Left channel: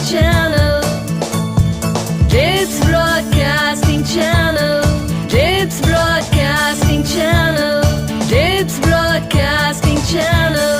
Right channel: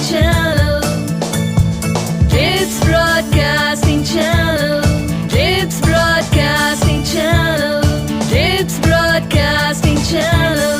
Channel. It's Broadcasting Channel. It's Broadcasting Channel. It's Broadcasting Channel.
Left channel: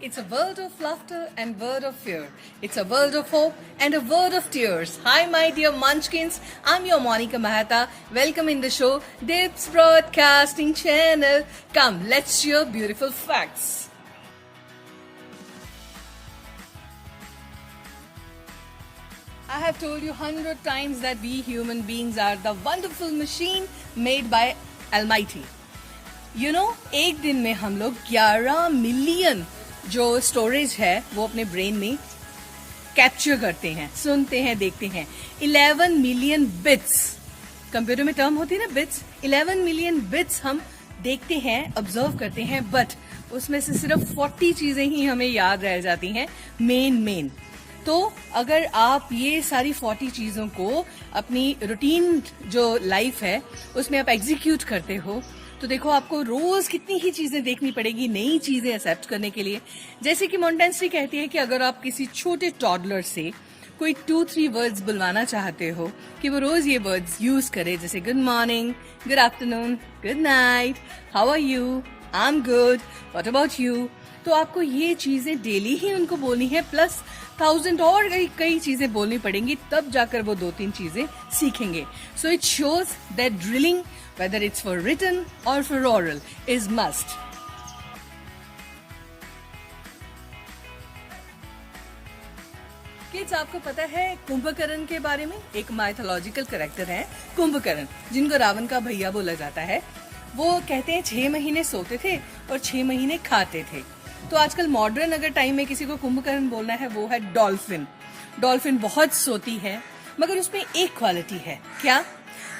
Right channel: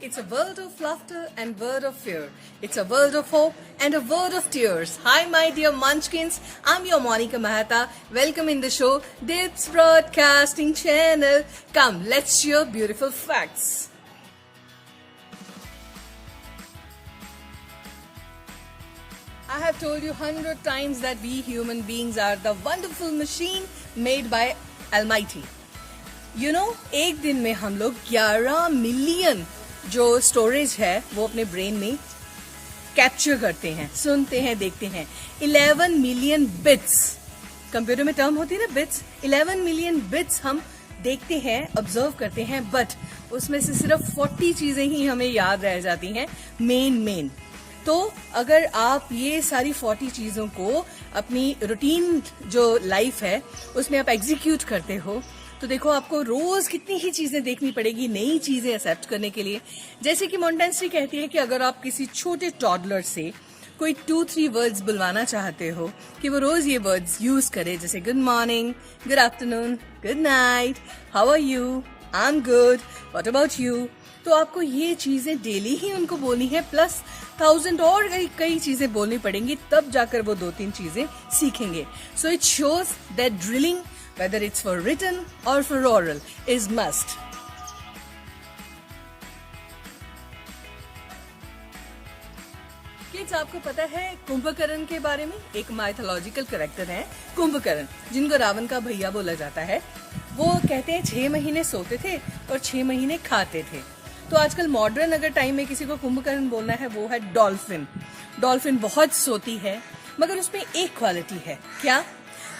It's a world of laughter and word of fear. It's a world of hope and a word of tears. Hi, my dear Munchkins. I'm your Monica Mehta. Welcome in the show, Dips Broadcasting Channel. Come, let's share beautiful facts. I have told you 100 times that we human beings are the wonderful machine made by Almighty. You know, एक दिन में हम लोग 11 million जो storage है वो अपने brain में कैप्चर करते हैं, सुनते हैं, देखते हैं. 11 मिलियन बिट्स, कंप्यूटर में टर्म होती है ना बिट्स, 11 मिलियन बिट्स हम देखते हैं, ऑब्जर्व करते हैं, बट उसमें से सिर्फ 40 चीजें ही हमें याद रह जाती हैं, मेन. तो अगर आप ये सारी 40 चीजों को अपनी रूटीन जो लाइफ है उसमें आप एग्जीक्यूट करते हो तो देखो आपको रोज कितनी ही चीजें देखनी पड़ेगी नई चीजें एक्सेप्ट करने के लिए. जैसे कि मोंटेंसरी कहती है कि अगर आप किसी छोटे टॉडलर से कोई 2-3 वर्ड्स बुलवाना चाहते हो कि वो रोज ये वर्ड्स यूज करे, जैसे good morning, good afternoon, good night, how are you, I am good, what about you, तो आपको ये चीजें डेली ही उनको बोलनी है, प्लस 1000 और कई चीजें बोलनी पड़ेंगी, तब जाकर वो 2-3 चीजें सीखेंगे. So it shows that drilling, whether it's for written or for oral, is must. Kids, आपको पता है कुंभकर्ण के बारे में? एक माइथोलॉजिकल कैरेक्टर है कुंभकर्ण, जिनको रावण का भैया बोला जाता है. वो कहते हैं 6 महीने सोते थे और 6 महीने खाते थे. तो आजकल मॉडर्न अगर टाइम में किसी को कुंभकर्ण बोलना है वो है डॉल्फिन. डॉल्फिन बहुत सोती है, मगर उसमें एक क्वालिटी है. क्या?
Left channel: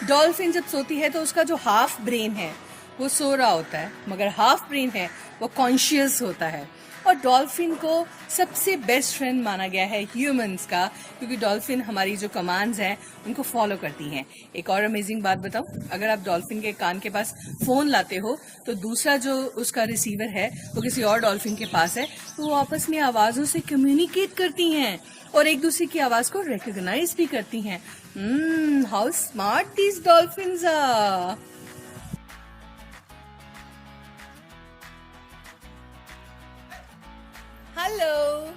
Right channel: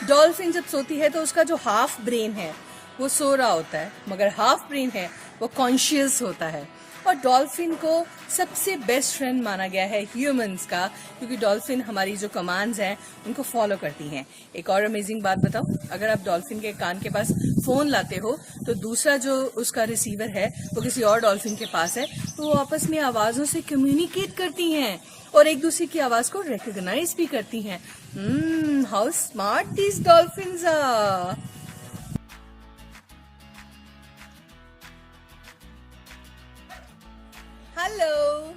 डॉल्फिन जब सोती है तो उसका जो हाफ ब्रेन है वो सो रहा होता है, मगर हाफ ब्रेन है वो कॉन्शियस होता है. और डॉल्फिन को सबसे बेस्ट फ्रेंड माना गया है ह्यूमंस का, क्योंकि डॉल्फिन हमारी जो कमांड्स हैं उनको फॉलो करती हैं. एक और अमेजिंग बात बताऊं, अगर आप डॉल्फिन के कान के पास फोन लाते हो तो दूसरा जो उसका रिसीवर है वो किसी और डॉल्फिन के पास है, तो वो आपस में आवाजों से कम्युनिकेट करती हैं और एक दूसरे की आवाज को रिकॉग्नाइज भी करती हैं. How smart these dolphins are. Hello,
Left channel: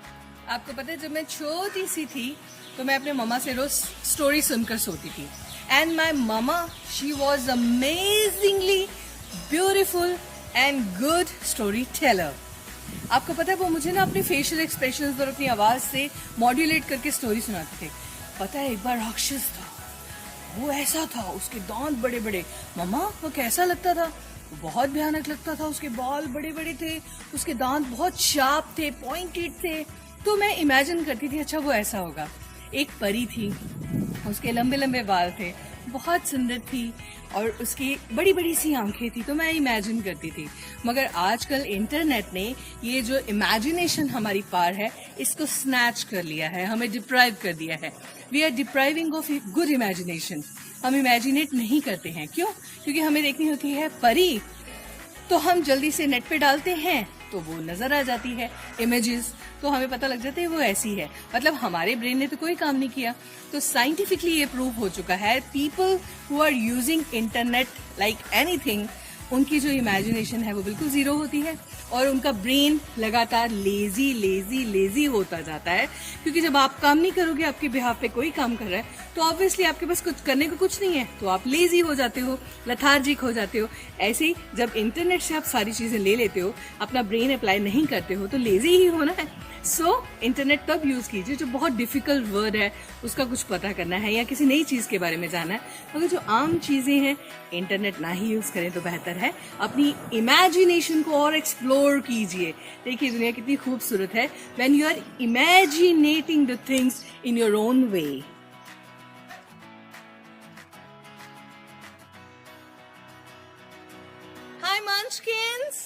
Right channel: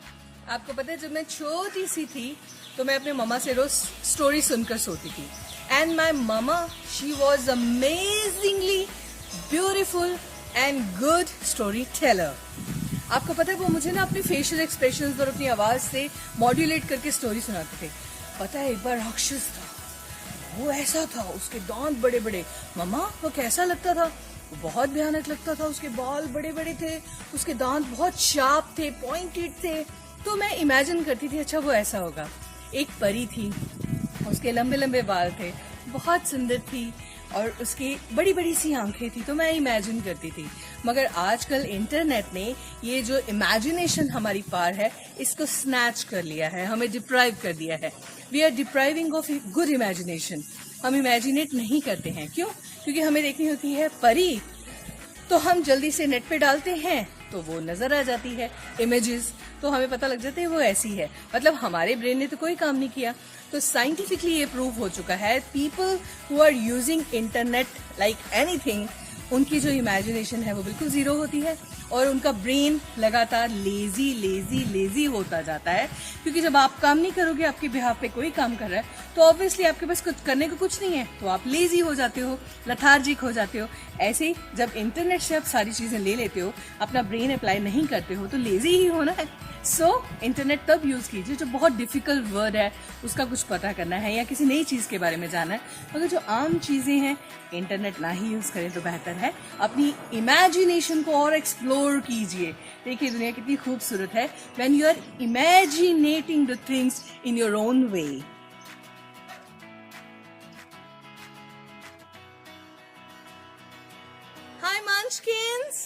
आपको पता है जब मैं छोटी सी थी तो मैं अपने मम्मा से रोज स्टोरी सुनकर सोती थी. And my mama, she was amazingly beautiful and good story teller. आपको पता है वो मुझे ना अपने फेशियल एक्सप्रेशंस और अपनी आवाज से मॉड्यूलेट करके स्टोरी सुनाते थे. पता है एक बार राक्षस था, वो ऐसा था, उसके दांत बड़े बड़े. मम्मा वो कैसा लगता था? बहुत भयानक लगता था. उसके बाल बड़े बड़े थे, उसके दांत बहुत शार्प थे, पॉइंटेड थे. तो मैं इमेजिन करती थी अच्छा वो ऐसा होगा. एक परी थी, उसके लंबे लंबे बाल थे, बहुत सुंदर थी और उसकी बड़ी बड़ी सी आंखें थी. तो मैं इमेजिन करती थी. मगर आजकल इंटरनेट ने ये जो इमेजिनेशन हमारी पार है इसको स्नैच कर लिया है, हमें डिप्राइव कर दिया है. We are depriving of good imagination. हम इमेजिनेट नहीं करते हैं. क्यों? क्योंकि हमें देखनी होती है परी, तो हम जल्दी से नेट पे डालते हैं तो वो नजर आ जाती है इमेजेस, तो हमें पता लग जाता है वो ऐसी है. मतलब हमारे ब्रेन ने तो कोई काम नहीं किया. तो साइंटिफिकली ये प्रूव हो चुका है, people who are using internet like anything, उनकी जो इमेजिनेशन है वो बिल्कुल जीरो होती है और उनका ब्रेन लगातार लेजी होता जाता है. क्योंकि जब आप काम नहीं करोगे, आपके बिहाफ पे कोई काम कर रहा है, तो ऑब्वियसली आपके पास कुछ करने को कुछ नहीं है, तो आप लेजी हो जाते हो, लथार्जिक हो जाते हो. ऐसे ही जब इंटरनेट से आप सारी चीजें ले लेते हो, अपना ब्रेन अप्लाई नहीं करते हो, तो लेजी ही होना है. सो इंटरनेट तब यूज कीजिए जो बहुत डिफिकल्ट वर्ड है उसका कुछ पता करना है या किसी नई चीज के बारे में जानना है. अगर जो आम चीजें हैं इंटरनेट ना ही यूज करें तो बेहतर है. अपनी इमेजिनेशन को और एक्सप्लोर कीजिए. देखिए दुनिया कितनी खूबसूरत है when you are imagining the things in your own way. Hi Munchkins,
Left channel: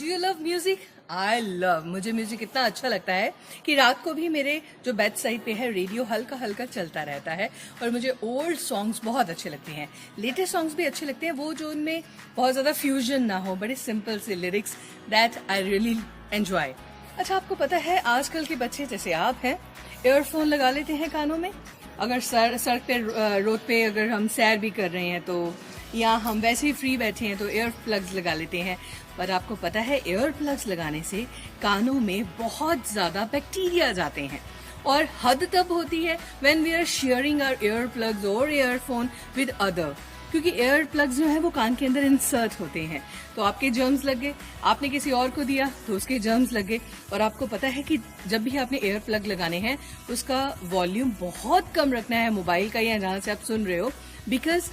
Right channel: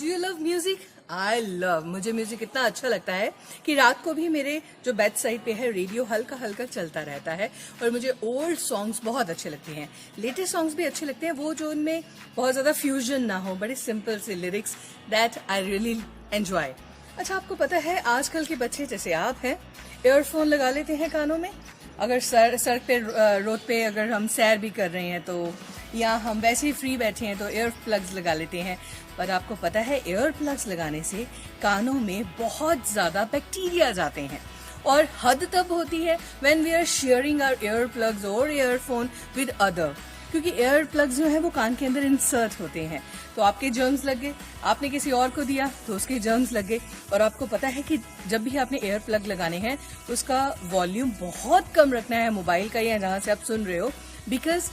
do you love music? I love, मुझे म्यूजिक इतना अच्छा लगता है कि रात को भी मेरे जो बेड साइड पे है रेडियो हल्का हल्का चलता रहता है। और मुझे ओल्ड सॉन्ग्स बहुत अच्छे लगते हैं, लेटेस्ट सॉन्ग्स भी अच्छे लगते हैं, वो जो उनमें बहुत ज्यादा फ्यूजन ना हो, बड़े सिंपल से lyrics, that I really enjoy. अच्छा, आपको पता है आजकल के बच्चे जैसे आप हैं ईयरफोन लगा लेते हैं कानों में। अगर सड़क पे रोड पे अगर हम सैर भी कर रहे हैं तो, या हम वैसे ही फ्री बैठे हैं तो ईयर प्लग्स लगा लेते हैं। पर आपको पता है ईयर प्लग्स लगाने से कानों में बहुत ज्यादा बैक्टीरिया जाते हैं, और हद तब होती है when we are sharing our ear plugs और ईयरफोन विद अदर, क्योंकि ईयर प्लग्स जो है वो कान के अंदर इंसर्ट होते हैं, तो आपके जर्म्स लग गए, आपने किसी और को दिया तो उसके जर्म्स लग गए। और आपको पता है कि जब भी आपने ईयर प्लग लगाने हैं उसका वॉल्यूम बहुत कम रखना है मोबाइल का या जहां से आप सुन रहे हो, बिकॉज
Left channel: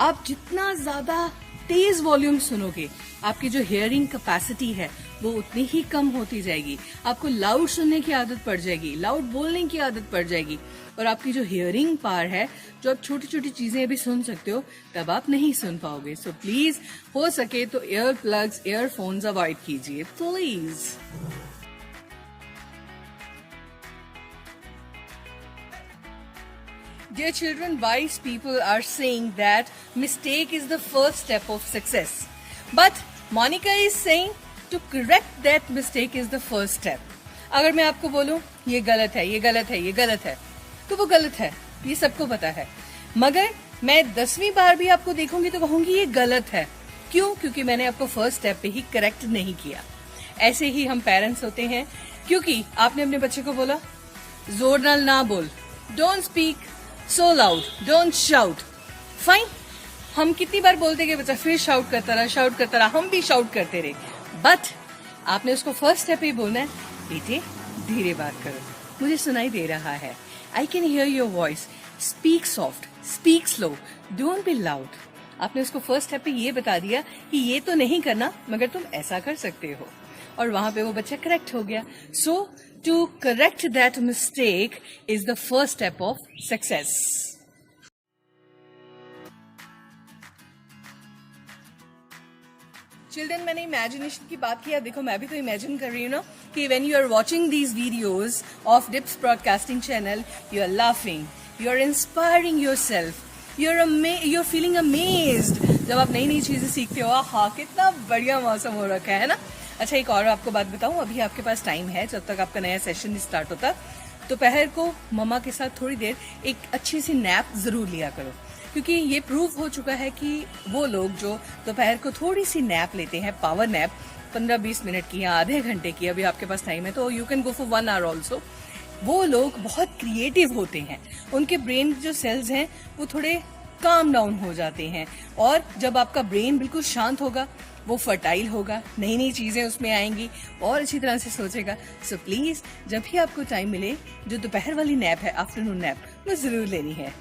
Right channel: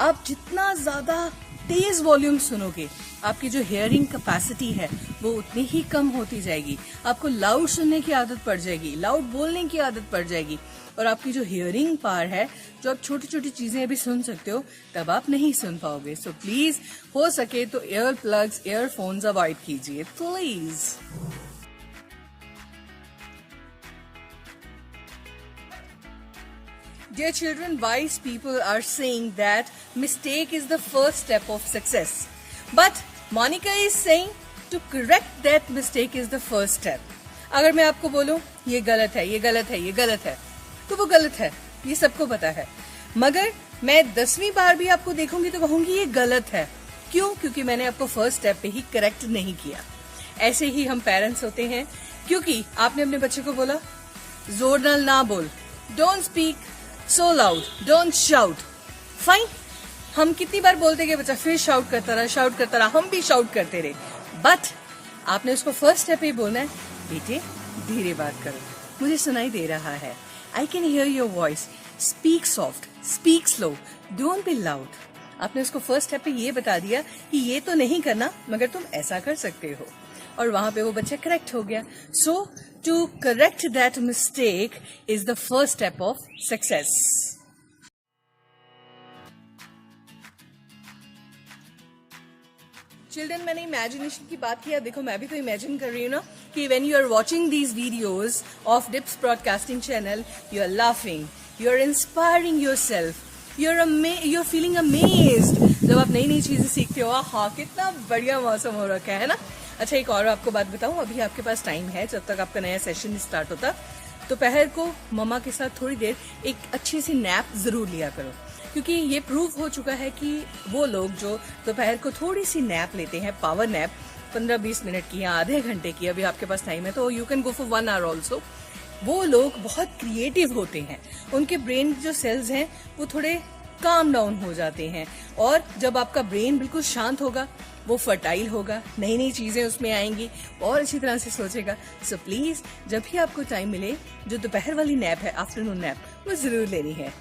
आप जितना ज्यादा तेज वॉल्यूम सुनोगे आपकी जो हियरिंग कैपेसिटी है वो उतनी ही कम होती जाएगी। आपको लाउड सुनने की आदत पड़ जाएगी, लाउड बोलने की आदत पड़ जाएगी, और आपकी जो हियरिंग पावर है, जो आप छोटी छोटी चीजें अभी सुन सकते हो, तब आप नहीं सुन पाओगे। सो प्लीज हो सके तो ईयर प्लग्स, ईयरफोन्स अवॉइड कीजिए please. Dear children, wise people are saying that mistake is the first step of success. But Monica is saying to correct that mistake is the first step. अगर मैं आपको बोलूं ये गलत है, ये गलत है, ये गलत है, तो वो गलत है, ये सबको पता है। मगर मैं 10वीं बार भी आपको देखूंगी तो कहूंगी ये गलत है। क्यों? क्योंकि मैंने आपको फर्स्ट स्टेप पे ही करेक्ट नहीं किया। ऐसे ही हम पेरेंट्स होते हैं, क्योंकि आपने अपने बच्चे को बोला जोर नाल ना बोल, don't speak so loud, don't shout. Fine. हम कितनी बार बोलते कि बच्चा फिर शाउट करता रहा, हम भी शाउट करते रहे, बट आपने उसको फर्स्ट स्टेप ही बोलना है, बेटे धीरे बात करो, मुझे सुनाई दे रहा है, I can hear your voice, speak soft, speak slow, don't be loud. आपने उसको फर्स्ट स्टेप पे ये बता दिया कि ये तो नहीं करना मगर तुम ऐसा कर सकते हो, और वहां पे वो बच्चा करेक्ट हो गया। सो to correct that mistake is the first step of success. Children, मैंने इमेजिनेशन की बात किया, देखो मैं भी तो इमेजिन कर रही हूँ ना कि when you are watching these videos of Dips Broadcasting Channel, you are laughing, you are inspiring yourself, you're feeling amazed जब आप नई नई चीजें सीखते हो। हाँ, कितना बढ़िया मौसम हो रखा है ना। अच्छा, एक और आपको बात बताऊं, अभी आपके पास टाइम है, जब तक आपका नया सेशन स्टार्ट होता, दोपहर को मम्मा के साथ थोड़ी देर एक अच्छी सी नैप जरूर लिया करो, क्योंकि ये प्रूव हो चुका है कि वो लोग जो दोपहर को थोड़ी सी नैप लेते हैं, पावर नैप 15-20 मिनट की या आधे घंटे की, अभी आपके पास टाइम है तो you can go for 1 hour also, वो लोग बहुत क्रिएटिव होते हैं, उनके ब्रेन जो सेल्स हैं वो थोड़े काम डाउन हो जाते हैं, और जब आपका ब्रेन बिल्कुल शांत होगा वो फर्टाइल होगा, नई नई चीजें उसमें आएंगी और अच्छी तरह से सोचेगा। सो प्लीज जब भी आपको टाइम मिले, जो दोपहर वाली नैप है, आफ्टरनून नैप, वो जरूर लेनी है।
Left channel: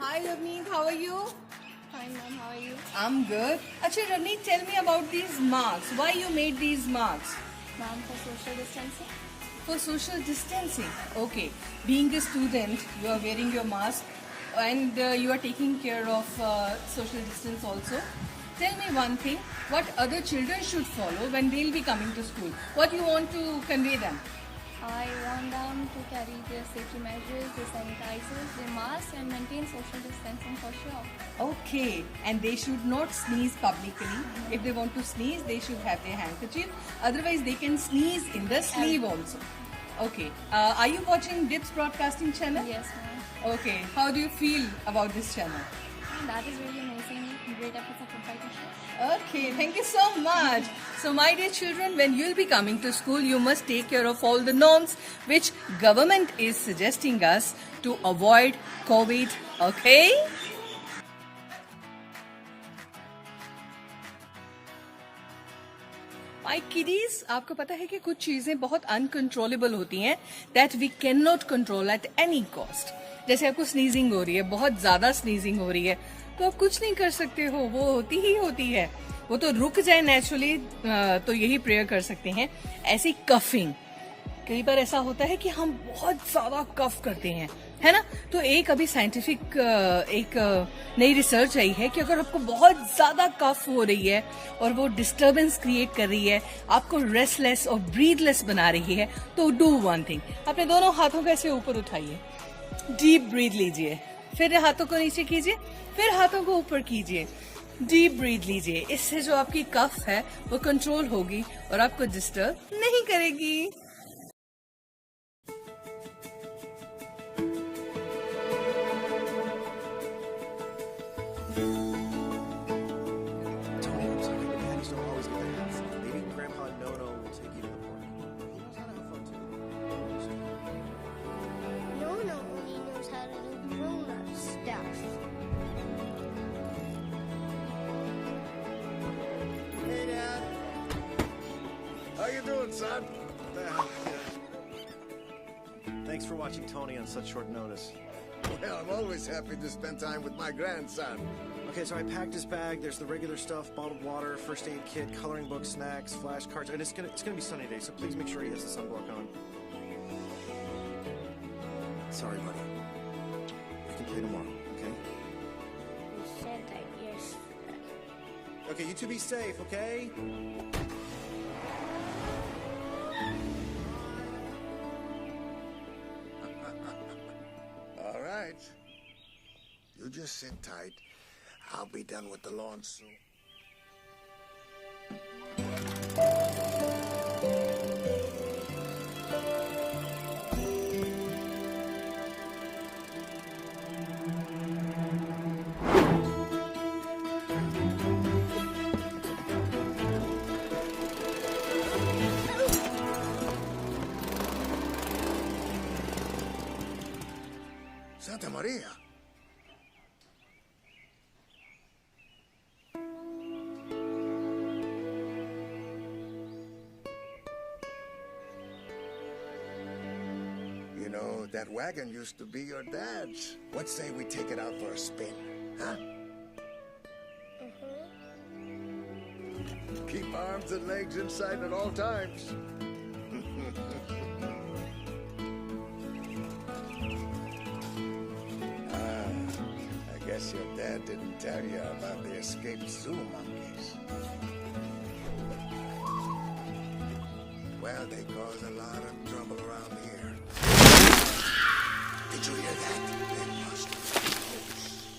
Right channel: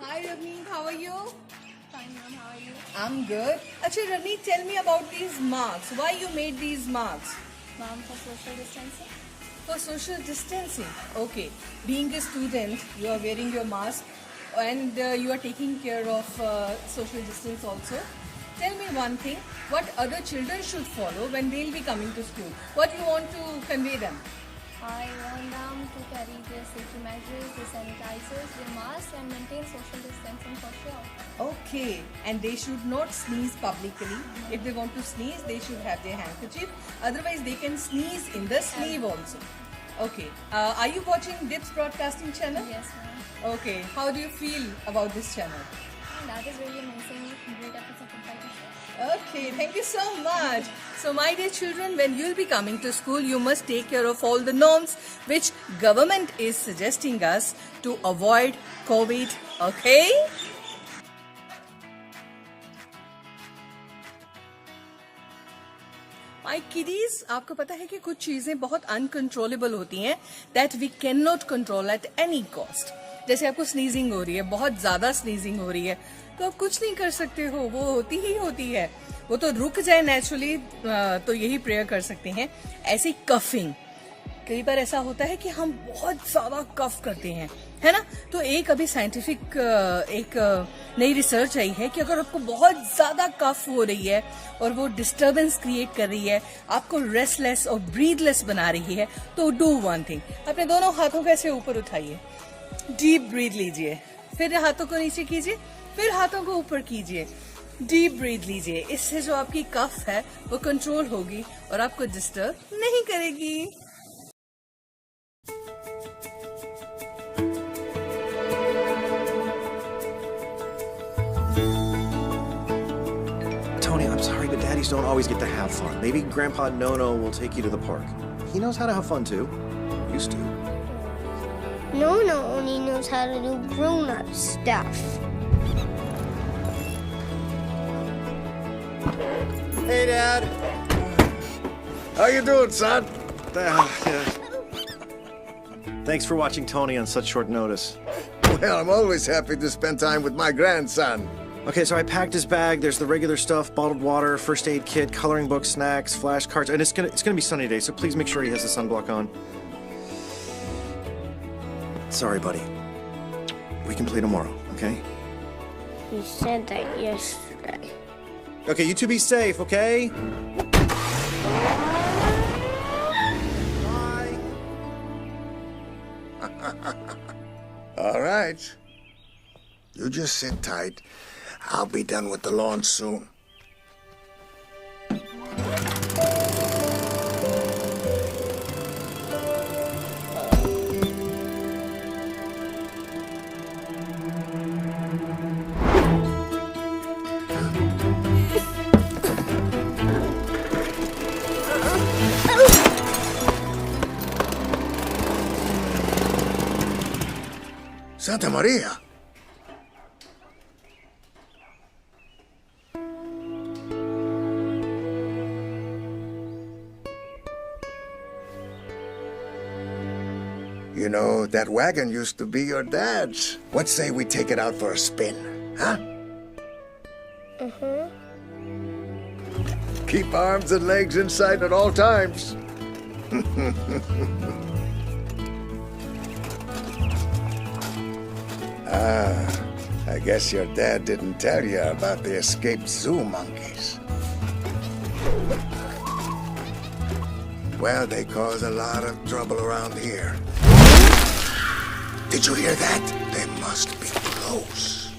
Hi Ravneet, how are you? Fine, ma'am. How are you? I'm good. Actually, Ravneet, tell me about these marks. Why you made these marks? Ma'am, for social distancing. For social distancing. Okay. Being a student, you are wearing your mask and you are taking care of social distance also. Tell me one thing, what other children should follow when they'll be coming to school? What you want to convey them? I want them to carry their safety measures, their sanitizers, their masks, and maintain social distancing for sure. Okay, and they should not sneeze publicly. If they want to sneeze, they should have their handkerchief. Otherwise, they can sneeze in the sleeve also. Okay. Are you watching Dips Broadcasting Channel? Yes, ma'am. Okay. How do you feel about this channel? That is really amazing. Great efforts of Football Teacher. Okay, thank you so much. So my dear children, when you'll be coming to school, you must take care of all the norms which government is suggesting us to avoid COVID. Okay? My kiddies, आपको पता है कि कुछ चीजें बहुत uncontrollable होती हैं, that we cannot control at any cost. जैसे आपको स्नीजिंग हो रही है, बहुत ज्यादा स्नीजिंग हो रही है, तो आप कुछ नहीं कर सकते हो, वो होती ही होती है, वो तो रुक जाए नेचुरली, तो यही प्रेयर कर सकते हैं। ऐसी कफिंग, कई बार ऐसा होता है कि हम बहुत ज्यादा कफ करते हैं, है ना। तो एक अभी साइंटिफिक एक नई रिसर्च आई है कि अगर आपको बहुत ज्यादा कफ हो रही है और वो डिस्टरबेंस क्रिएट कर रही है, आपको रेस्टलेस और ब्रीदलेस बना रही है, तो डू वन थिंग, अपने दोनों हाथों को ऐसे ऊपर उठाइए, डीप ब्रीथ लीजिए, फिर हाथों को नीचे कीजिए, फिर हाथों को ऊपर कीजिए, डीप ब्रीथ लीजिए। इससे जो आपकी कफ है वो कंट्रोल होगी और आपको डिस्टर्ब नहीं करेगी। Tony, I'm sorry, but daddies don't always get to have fun. Maybe Grandpa Nono will take you to the park. He knows how to have fun too. Used to. Nono only knows how to do grown-up stuff. Hey, Dad. How you doing, son? Thanks for watching Tony on such short notice. Well, I'm always happy to spend time with my grandson. Okay, so I packed his bag. There's the regular stuff: bottled water, first aid kit, coloring book, snacks, flashcards, and it's gonna be sunny today, so please make sure he has the sunblock on. Sorry, buddy. We can play tomorrow, okay? You said that yesterday. Okay, you two be safe, okay? Bye. All right. You just sit tight. I'll be done with the lawn soon. Santa Maria. You know, that wagon used to be your dad's. What say we take it out for a spin, huh? Keep arms and legs inside at all times. I guess your dad didn't tell you about the escaped zoo monkeys. Well, they cause a lot of trouble around here. Did you hear that? They must be close.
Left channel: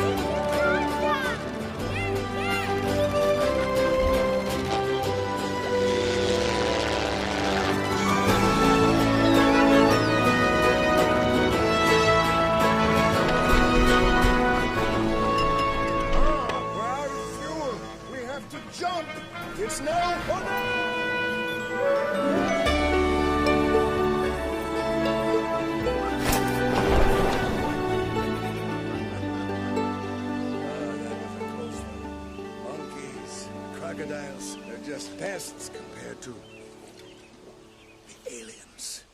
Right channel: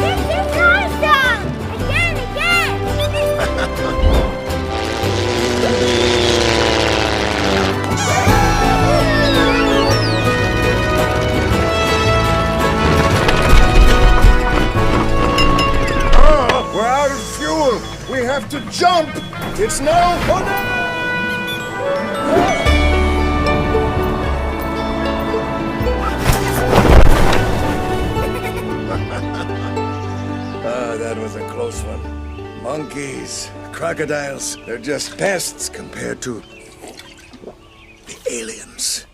This is awesome! Again! Oh, we're out of fuel. We have to jump. It's now or never. That was a close one. Monkeys, crocodiles, they're just pests compared to the aliens.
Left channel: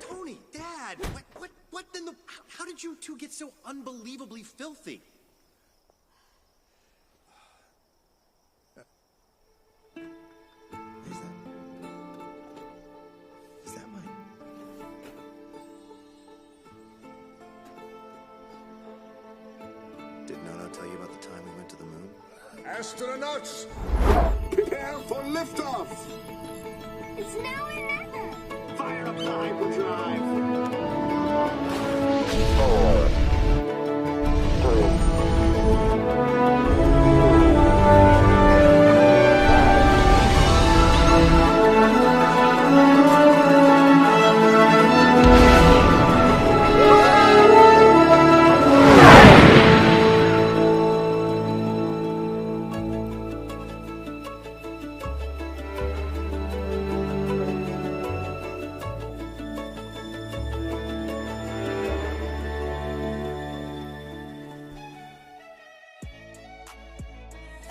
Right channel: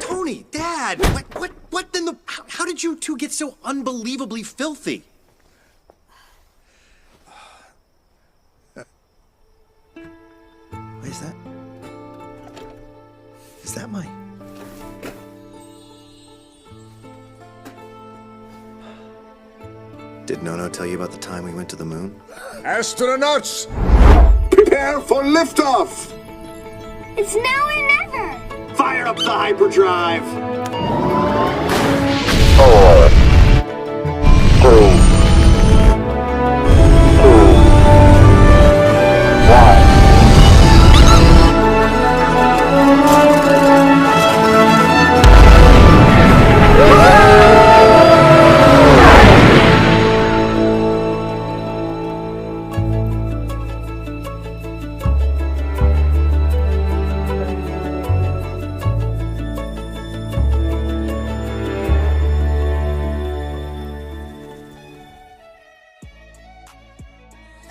Tony, Dad, what in the? How did you two get so unbelievably filthy? What is that? Is that my? Did Nono tell you about the time we went to the moon? Astronauts, prepare for liftoff. It's now or never. Fire up the hyperdrive. 4, 3, 2, 1.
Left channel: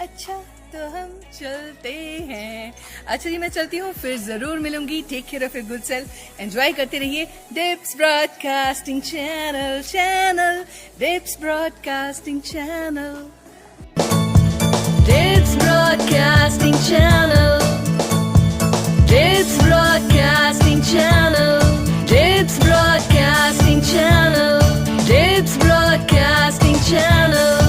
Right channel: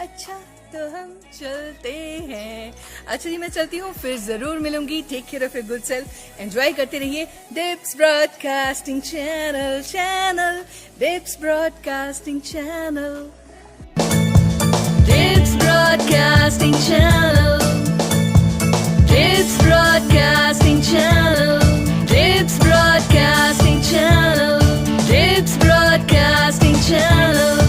अच्छा तो हम चलते हैं। अच्छा जी मैं चलती हूँ, फिर जरूर मिलूंगी। Take care of your good self, enjoy करते रहिए Dips broadcasting channel, Dips broadcasting channel, Dips Broadcasting Channel. Dips Broadcasting Channel. Dips Broadcasting Channel. Dips Broadcasting Channel.